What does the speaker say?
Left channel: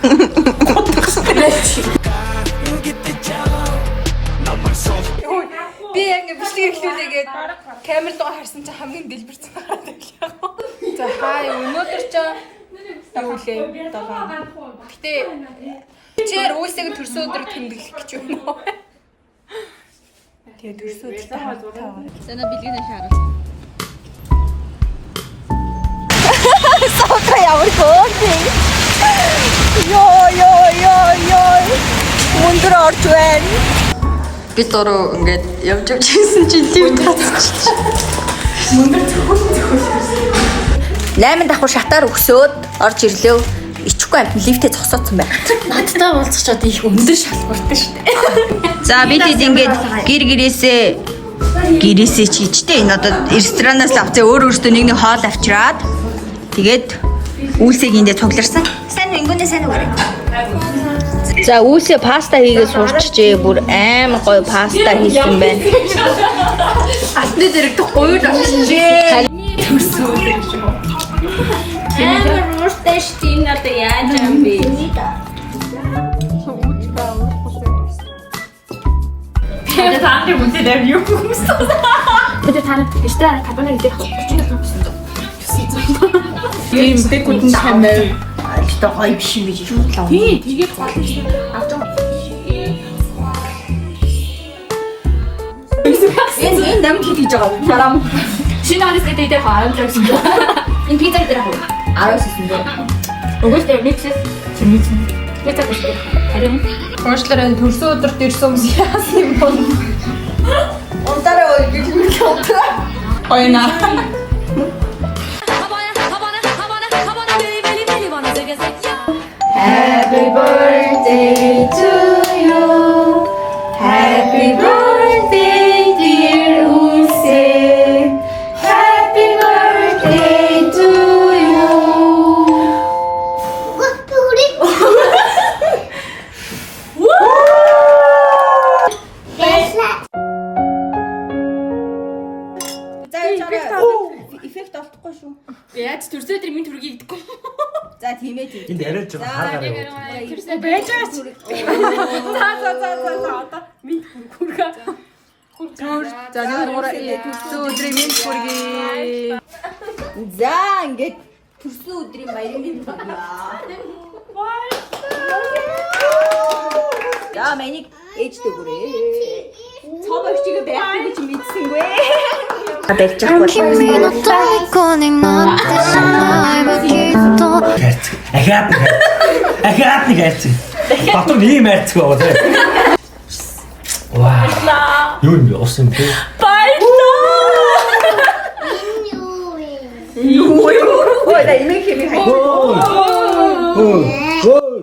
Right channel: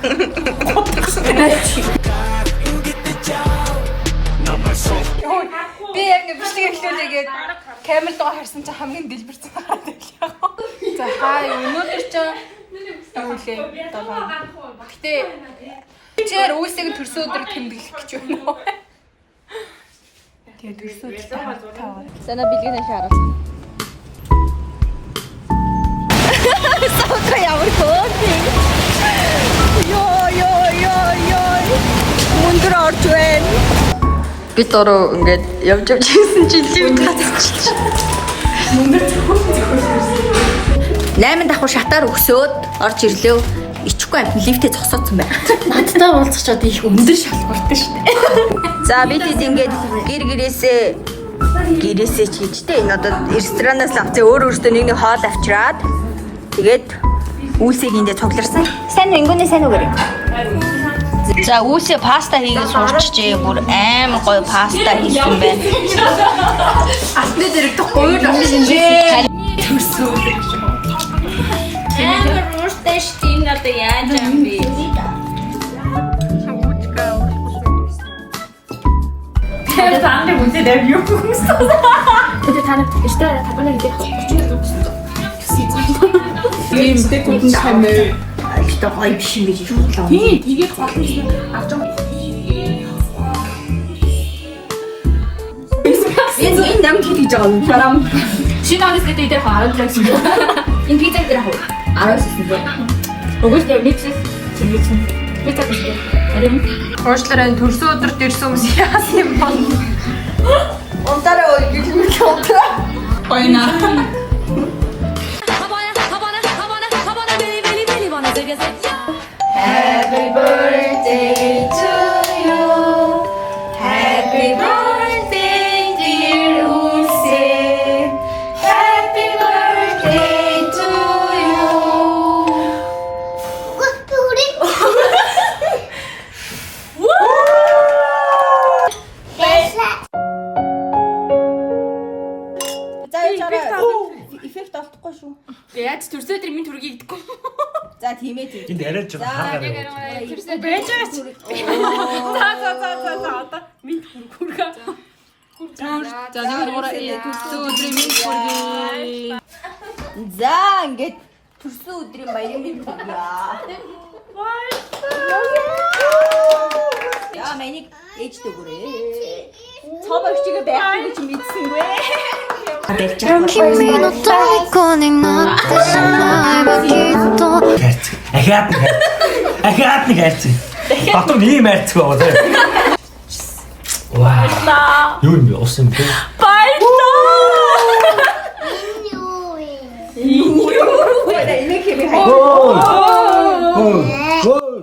Би яг бичлэг эхлүүлээгээд камер руу харсан чинь хамгийн дэлбэрсэн хараад байлаа. За хаа өнөөдөр ч юу лээ 7. Гэтэ чээр үйлсийг төрсөн өдөр тэмдэглэх гэж байна. Тэгээ төрсөн өдөр таа. Sana бэлгэнэ шаарал. Сака ямар гооги. Йой. Мундар орж байна. Би дөрөв ингээд явж ирсэн чинь лифт гацчих. Мундар зөвхөн 8 давхар шатаар өгсөөд орж ирлээ. Ичхгүй амт лифтээ зогсооцсон байна. Надтай уулзчиход их өндөр шалгууртай шүү дээ. За бид ингээд гэрээсээ чийжтэй энэ одоо ресторанаас авцаа өөртөө нэг хоол авчираад тэгээд үйлсийг эндээ цугларсан. Сайн ингүүнээ сайн үгээрэй. За үйлсээ паста хийгээд сурчжээ. Бүр амар гоё паста хийсэн байна. Асны зэрэг гоё авчихжээ. Төрсөн. Амар ууштай штин одоо яаж юм бэ? Тэгээд тааны үзээд юу хүмүүс. Тэгээд та эстра кабаны идэх хүчтэй. ийм дэкүтэн хамаа ихтэй гоё биш юм биш шуудлаа. Тий, тэгээд гол нь авч байгаа. Энэ нам хийж байгаа юм. Харам. Шинэ онос гэдэг идэх 10 гэсэн. Энэ пицца дээр хав. 10 гэсэн. Өгөөстэй пицца. Пицца гэсэн. Харин Уучлаарай төрсөн өдөрт ирсэн хүмүүс яасан юм бол. Унтараа гэлмэл контра. Ойна. Happy birthday to you. Happy birthday dear Ulse. Happy birthday to you. Эффект автахгүй шүү. яаж төрсөн өдөр минь төргийг идэхгүй. За тийм ээ. Энд яриад жоо хаагаар. Төрсөн байж байгаач. За одоо минь хүргээ. За нэг төрсөн өдрийн минь хүргээ. За ингээд төрсөн өдрийн баярын минь хүргээ. Яа мэнийг ээжтэй хүрээ. Цоо очигээ байхгүй гэж мэдсэнгүй. 君の虜になってしまえばきっと Ахиад нэг хайцсан. Батар ийм хайцгүй байгаа тийм. Ваа. Юу юм бэ? Ус юм бэ? Ой, да имек хэмээ хай. Гол.